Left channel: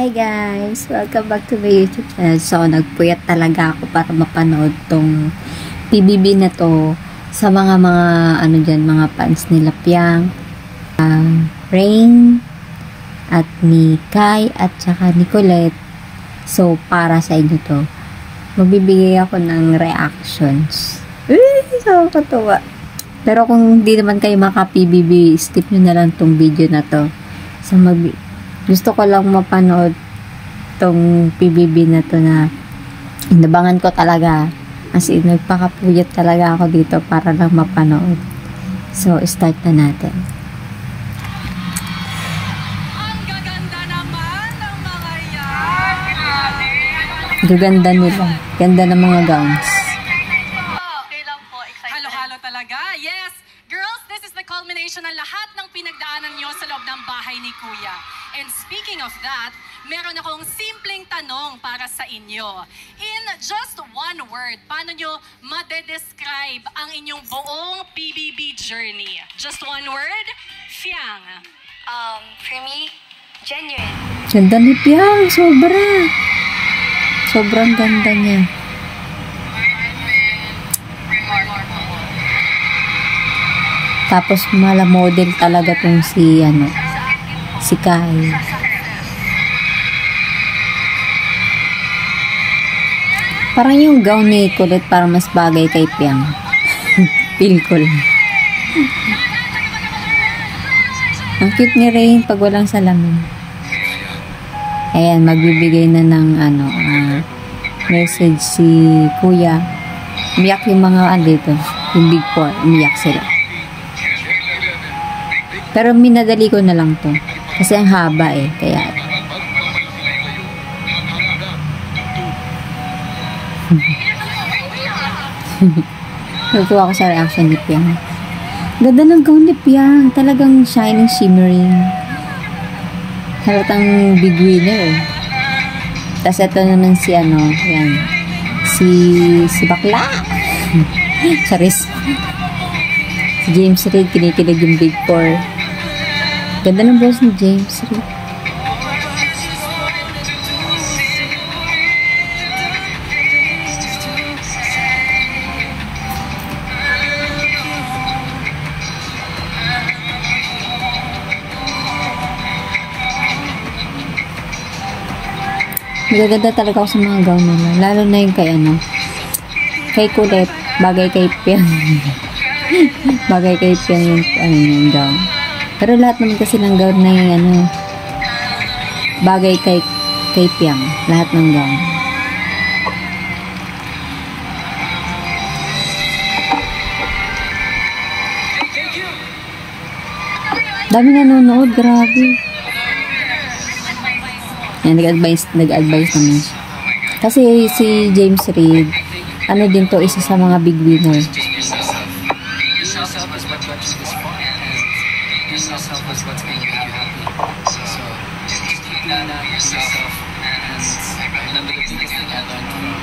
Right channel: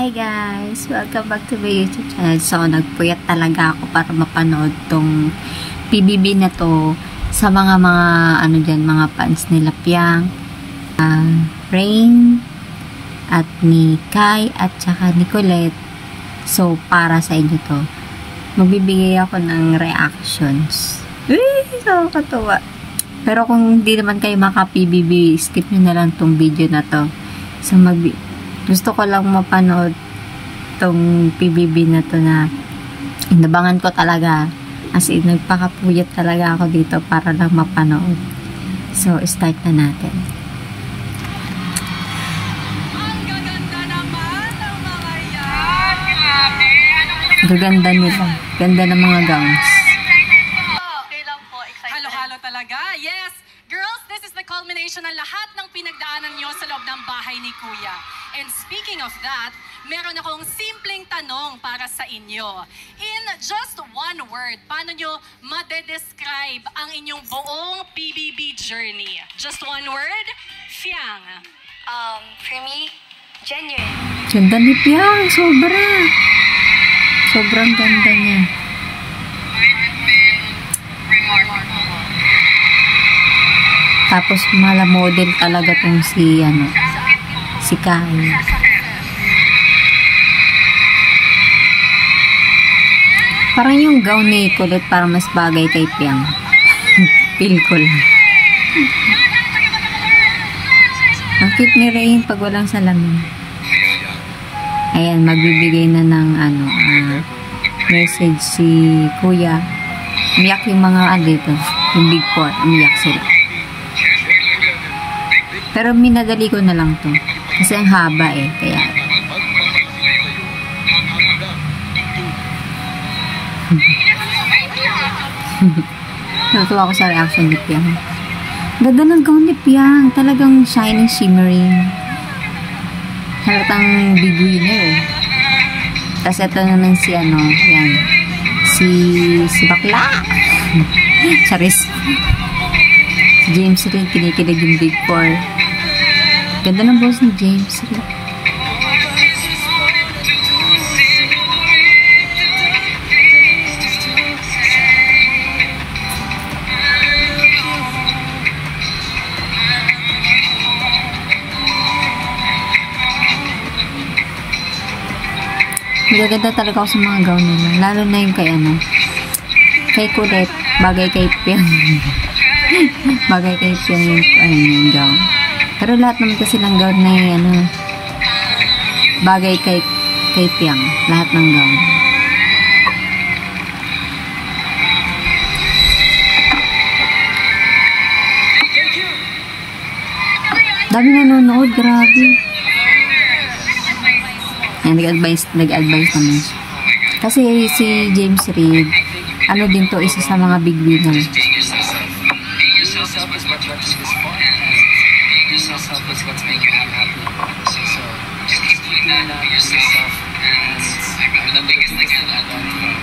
Hi guys! Welcome back to my YouTube channel. So, nagpuyat talaga ako para mapanood tong PBB na to sa mga ano dyan, mga fans nila Piang, Rain, at ni Kai, at saka ni Colette. So, para sa inyo to. Magbibigay ako ng reactions. So, katuwa. Pero kung hindi naman kayo maka-PBB, skip nyo na lang tong video na to. So, gusto ko lang mapanood tong PBB na to na inabangan ko talaga. As in, nagpakapuyat talaga ako dito para lang mapanood. So, start na natin. Ang gaganda naman ng mga yan. Gaganda nila. Ganda ng mga gowns. Okay lang po, excited. Halo-halo talaga. Yes, girls, this is the culmination ng lahat ng pinagdaanan nyo sa loob ng bahay ni Kuya. And speaking of that, meron akong simpleng tanong para sa inyo. In just one word, paano nyo madedescribe ang inyong buong PBB journey? Just one word? Fiang. For me, genuine. Ganda ni Piang. Sobra. Sobrang ganda niya. Remarkable. Tapos mala model talaga tong si si Kai. Parang yung gown ni Colette parang mas bagay kay Piang. Feel ko lang. Ang cute ni Rain pag walang salamin. Ayan, magbibigay na ng message si Kuya. Umiyak yung mga dito. Yung Big Four. Umiyak sila. Pero minadali ko na lang to. Kasi ang haba eh. Kaya natutuwa ko sa reaction ni Piang. Ganda ng gown ni Piang. Talagang shining, shimmering. Halatang big winner eh. Tapos ito naman si yan. Si Bakla. Charis. Si James Reid, kinikilig yung Big Four. Ganda ng boss ni James Reid. Magaganda talaga ako sa mga gown nila. Lalo na yung kay Colette. Bagay kay Piang. Bagay kay Piang yung gown. Pero lahat naman kasi ng gown na yung bagay kay Piang. Lahat ng gown. Dami nanonood. Grabe. Yan, nag-advise naman siya. Kasi si James Reid, din to, isa sa mga big winner. Being yourself is what got you this far, and being yourself is what's going to make you happy. So just keep doing that, be yourself. And I remember the biggest thing I learned from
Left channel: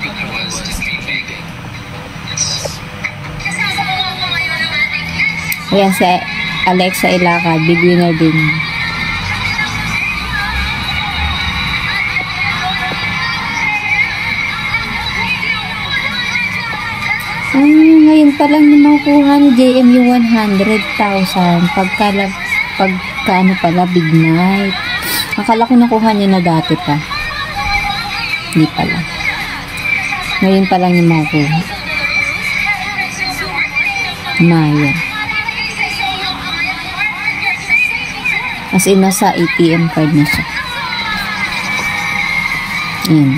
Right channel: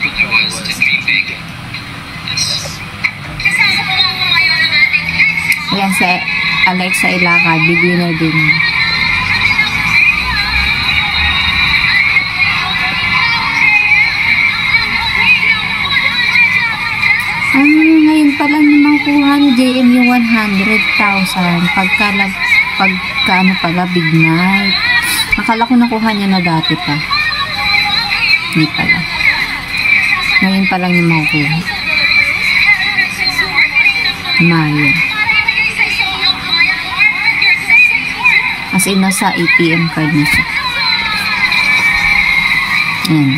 Big Brother was to be big. Yes. Ayan, si Alexa Ilacad, big winner din. Ngayon pa lang naman kuha ni JM yung 100,000 pagka big night. Akala ko nakuha niya na dati pa. Hindi pala. Ngayon pa lang yung makuha. Maya. As in, nasa ATM card na siya. Ayan.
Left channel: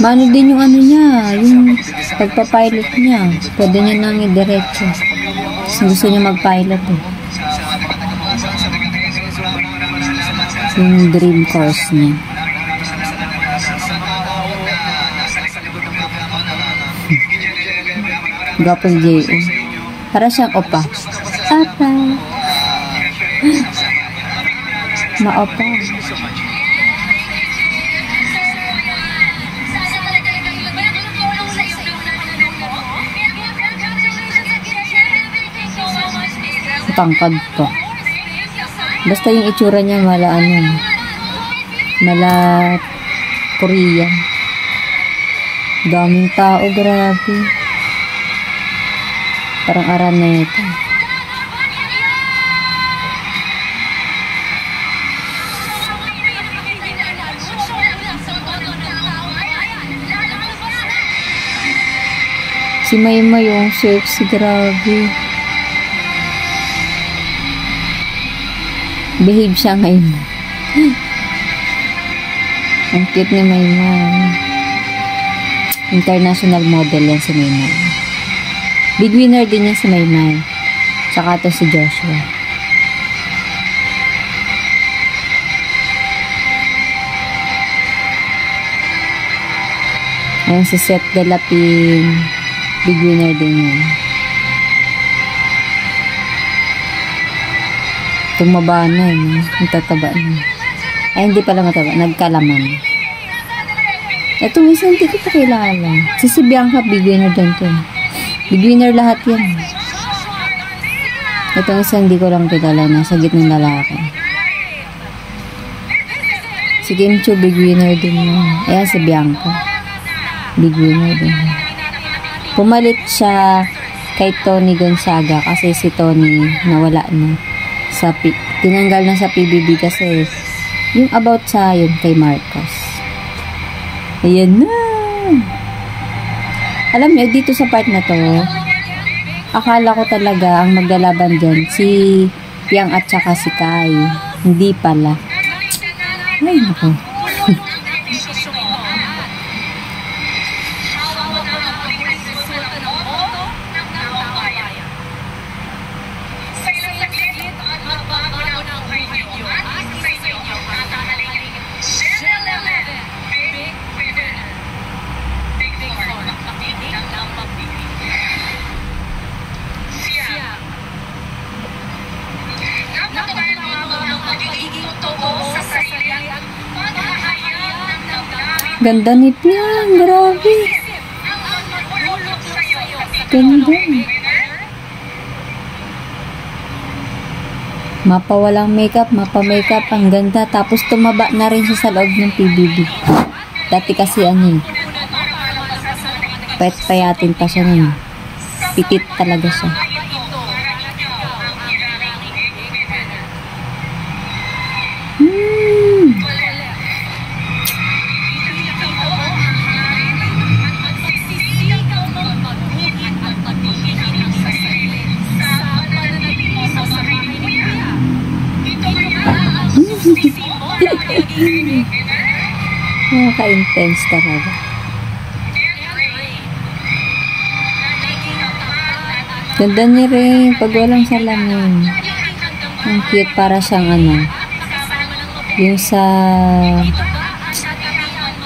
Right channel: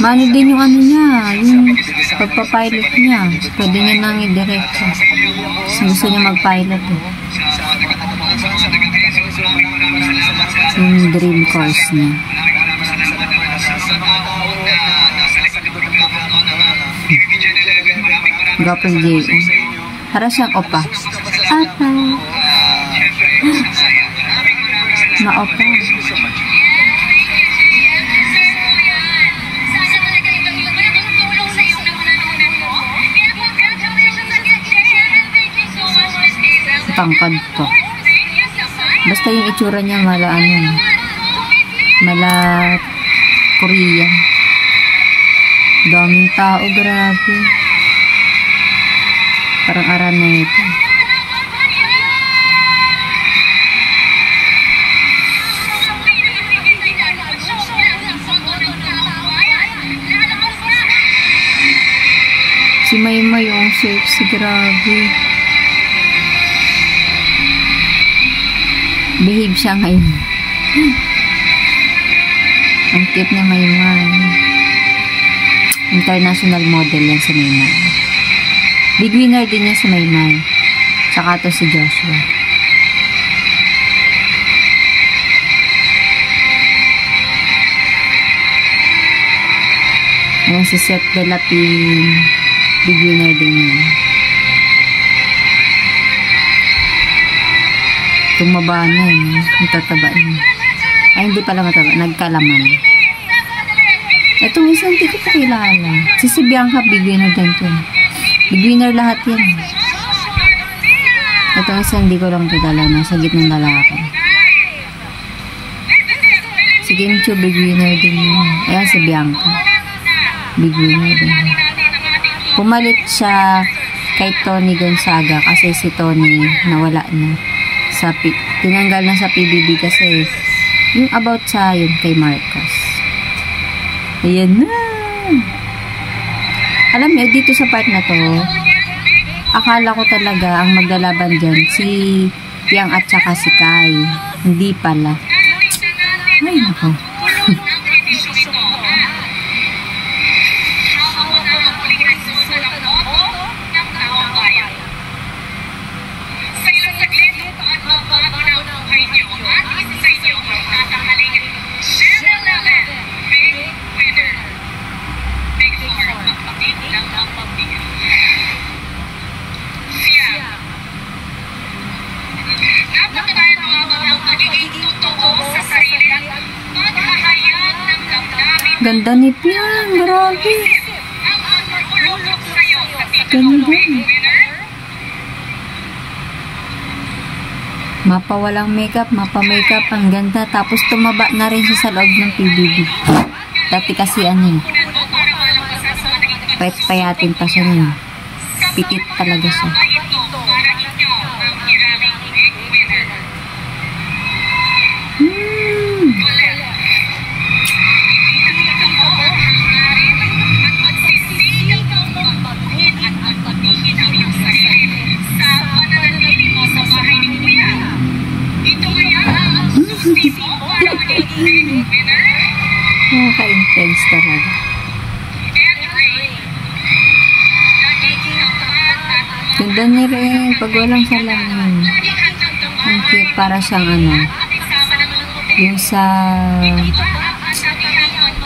Mano din yung niya, yung pagpapilot niya. Pwede niya nang i-diretso. Gusto niya mag-pilot eh. Yung dream course niya. Gapang J.O. Para siyang opa. Apa. Ma-opa. tangkad to. Basta yung itsura niya mala Korean. Daming tao, grabe. Parang Araneta. Si Maymay yung sexy, grabe. Behave siya ngayon. Ang cute ni Maymay. International model yan si Maymay. Big winner din yan si Maymay. Tsaka to si Joshua. Ayan si Seth Delapin. Big winner din yan. Tumaba na yun. Ang tataba niya. Ay, hindi pala mataba. Nagkalaman. Itong isang hindi ko pa kilala. Si Bianca, big winner din to. Big winner lahat yan. Itong isang hindi ko lang kilala. Nasa gitnang lalaki. Si Kim Chiu, big winner din yan. Ayan si Bianca. Big winner din. Pumalit siya kay Tony Gonzaga kasi si Tony nawala na. Tinanggal na sa PBB kasi yung about sa yun kay Marcos. Ayan na. Alam niyo, dito sa part na to, akala ko talaga ang maglalaban dyan si Piang at saka si Kai. Hindi pala. Ay, naku. Ganda ni Piang, grabe. Ganda. Mapa walang makeup, mapa makeup, ang ganda. Tapos tumaba na rin siya sa loob ng PBB. Dati kasi payat-payatin pa siya nun. Pitit talaga siya. Nakaka-intense talaga. Ganda niya rin pag walang salamin. Ang cute, para siyang yung sa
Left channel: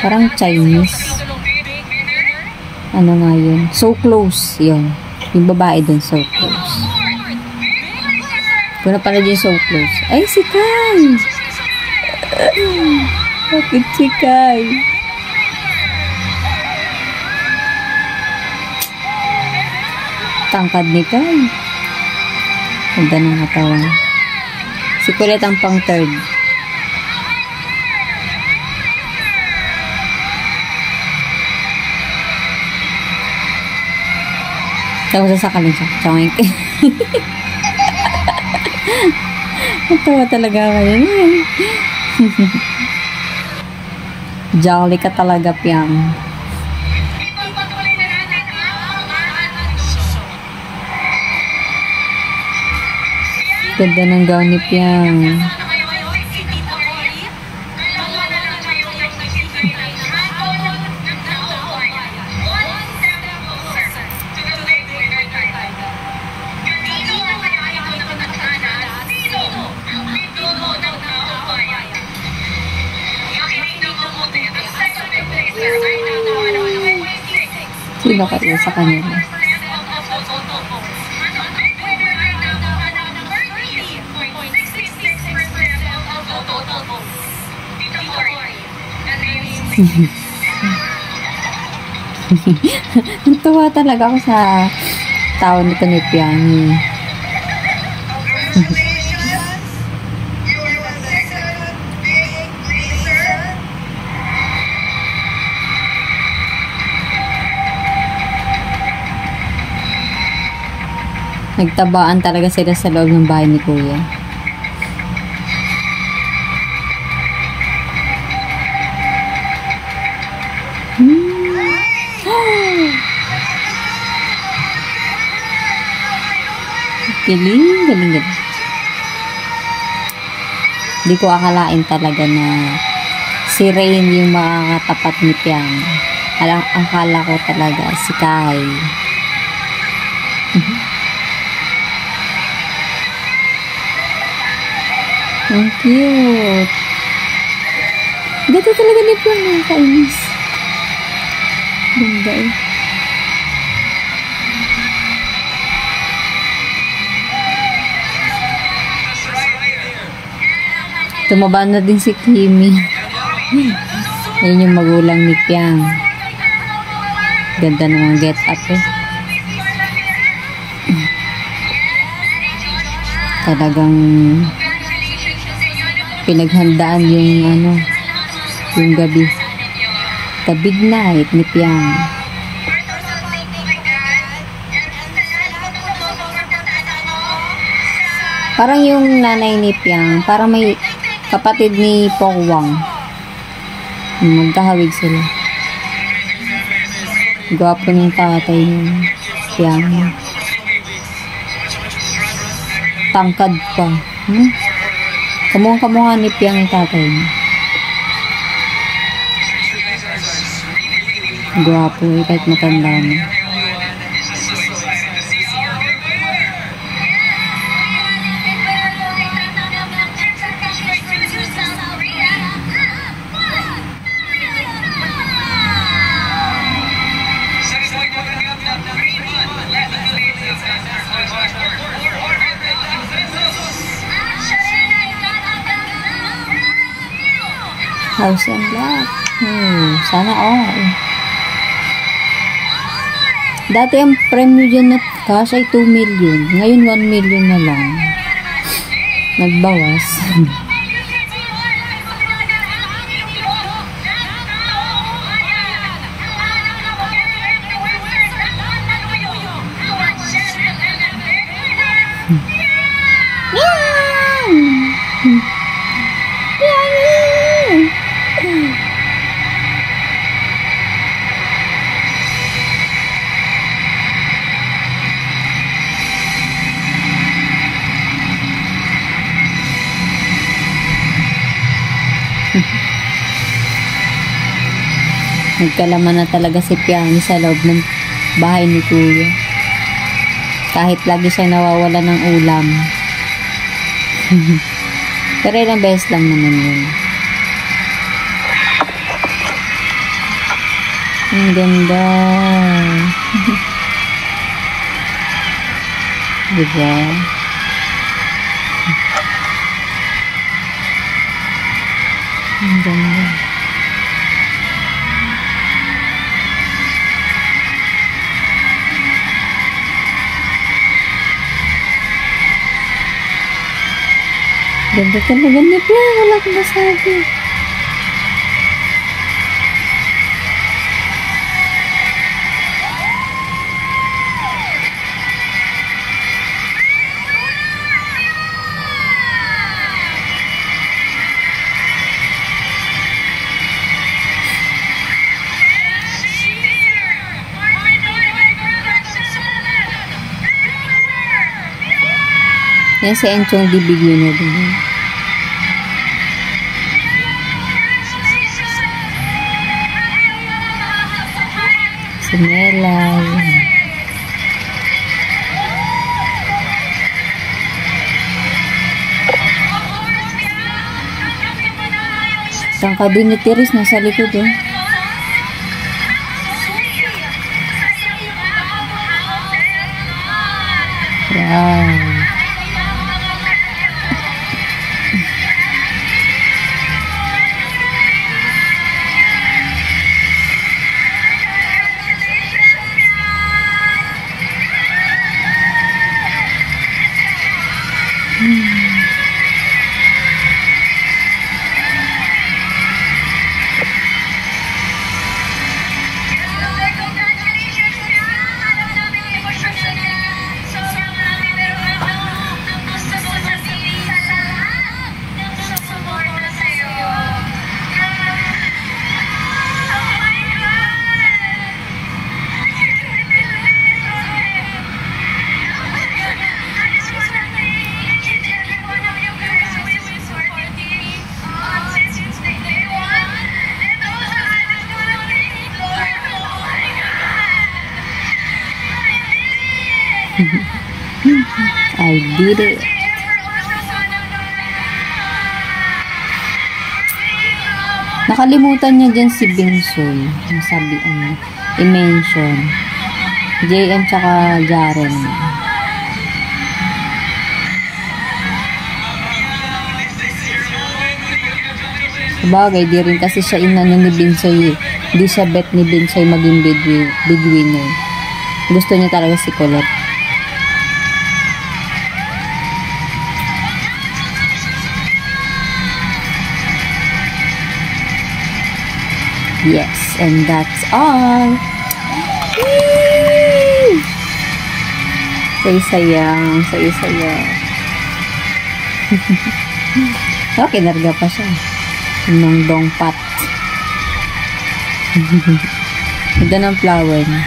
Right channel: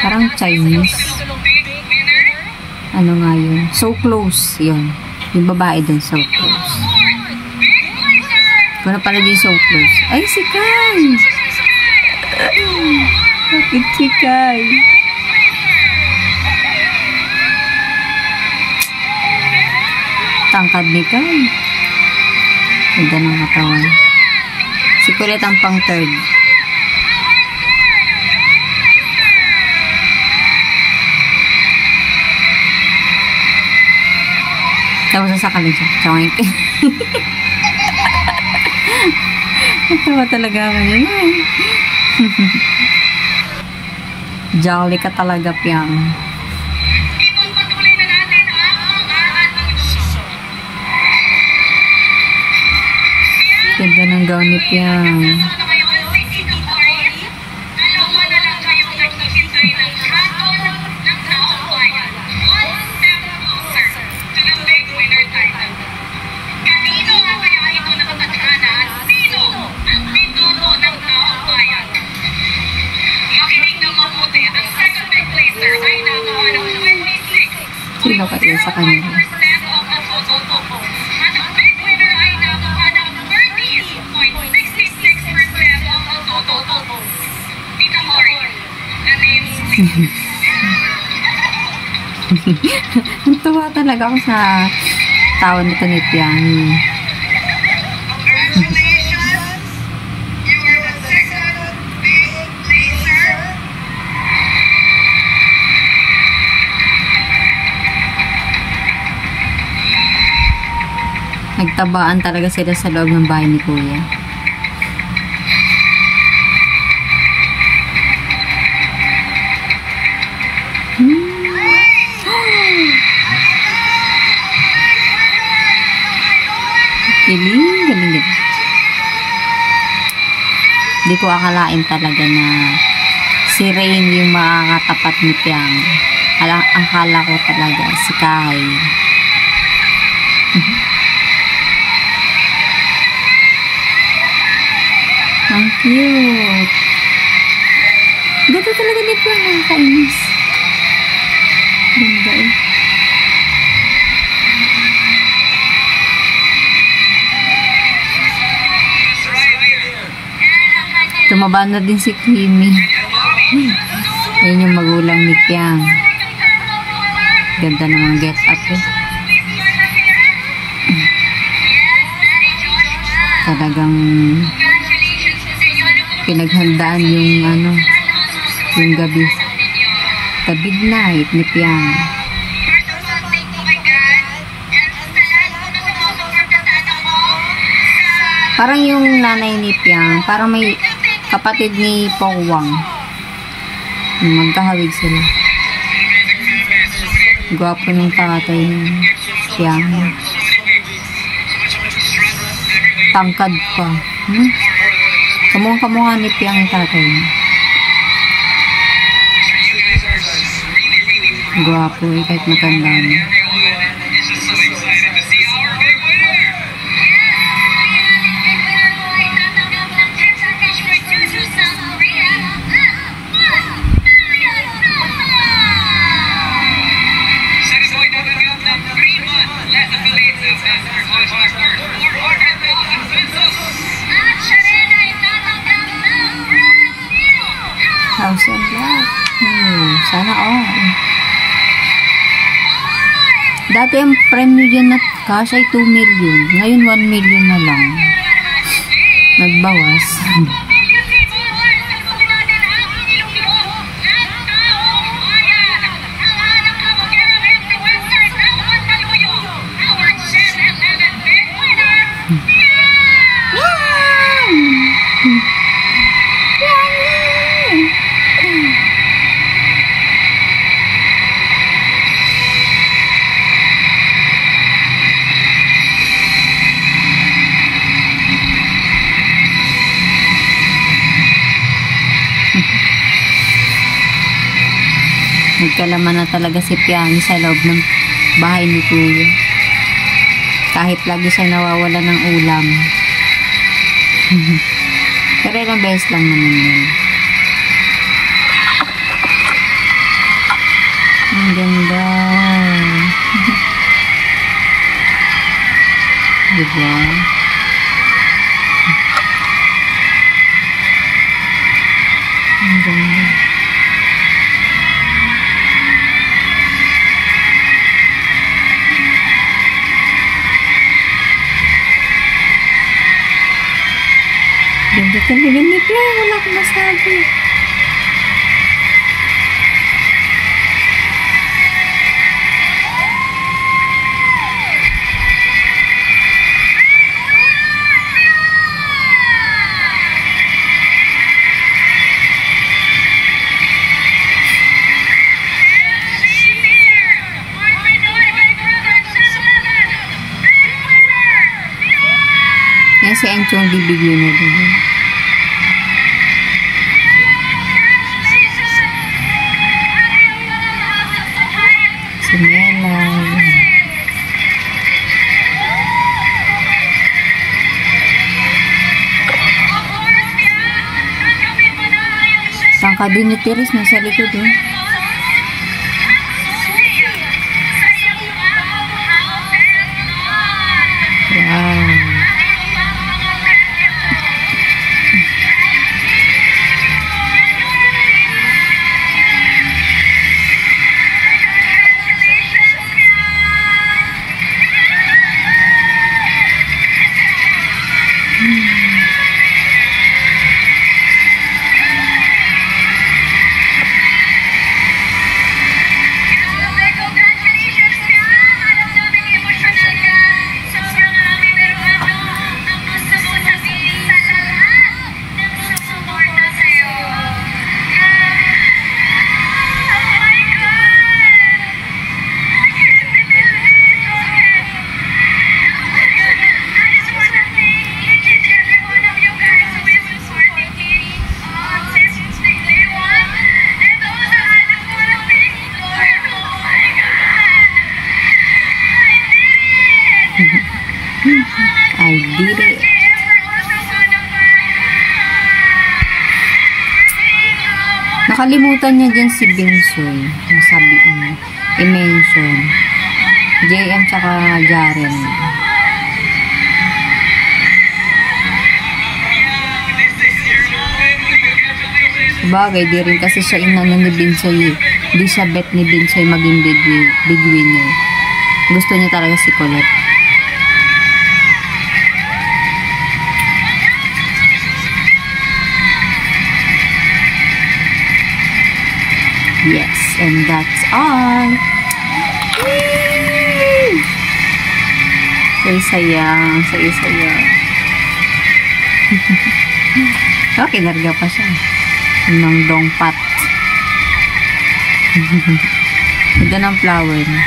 parang Chinese. Ano nga yun? So Close, yun. Yung babae dun, So Close. Kung napanood yung So Close. Ay, si Kai! Bakit si Kai? Tangkad ni Kai. Ganda ng katawan. Si Colette ang pang third. Tapos sasakalin siya. Tsawin. Natawa talaga ako yun. Jolly ka talaga, Piang. Ganda ng gown ni Piang. Sino kayo sa kanila? Natuwa talaga ako sa tao nito ni Piang. Congratulations! You are the second big laser. Nagtabaan talaga sila sa loob ng bahay ni Kuya. Galing, galing, galing. Hindi ko akalain talaga na si Rain yung makakatapat ni Piang. Akala ko talaga si Kai. Ang cute. Ganda talaga ni Piang, ang kainis. Ganda eh. Tumaba na din si Kimi. Yan yung magulang ni Piang. Ganda naman get up eh. Talagang pinaghandaan yung yung gabi. The midnight ni Piang. Parang yung nanay ni Piang, parang may kapatid ni Pongwang. Magkahawig sila. Gwapo ng tatay ni Piang. Tangkad pa. Kamukha ni Piang yung tatay niya. Gwapo eh, kahit matanda na. House and lot. Sana all. Dati ang premyo dyan na cash ay 2 million. Ngayon 1 million na lang. Nagbawas. Nagkalaman na talaga si Piani sa loob ng bahay ni Kuya. Kahit lagi siyang nawawala ng ulam. Pero ilang beses lang naman yun. Ang ganda. Diba? Ang ganda. Ganda talaga ni Piang. Wala akong masabi. Yan si Enchong Dibigyo na din. Si Melay. Tangka din ni Teres nasa likod oh. Wow. I did it. Nakalimutan niya dyan si Binsoy. Sabi, i-mention. JM tsaka Jaren. Sabagay, di rin kasi siya inano ni Binsoy. Di siya bet ni Binsoy maging big winner. Gusto niya talaga si Colette. Yes, and that's all. Yay! Say-sayang, say-sayang. Okay, narga pa siya. Ng dongpat. Ganda ng flower niya.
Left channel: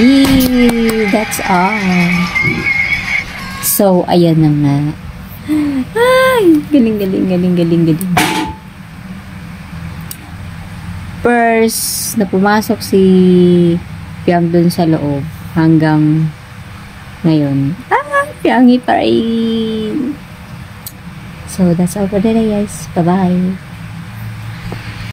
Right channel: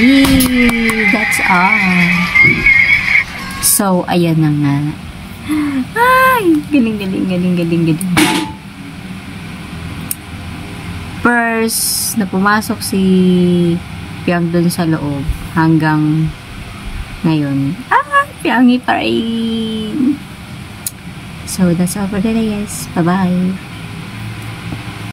Yay! That's all. So, ayan na nga. Ay! Galing. First, na pumasok si Piang dun sa loob hanggang ngayon. Piangi pa rin. So, that's all for today, guys. Bye-bye.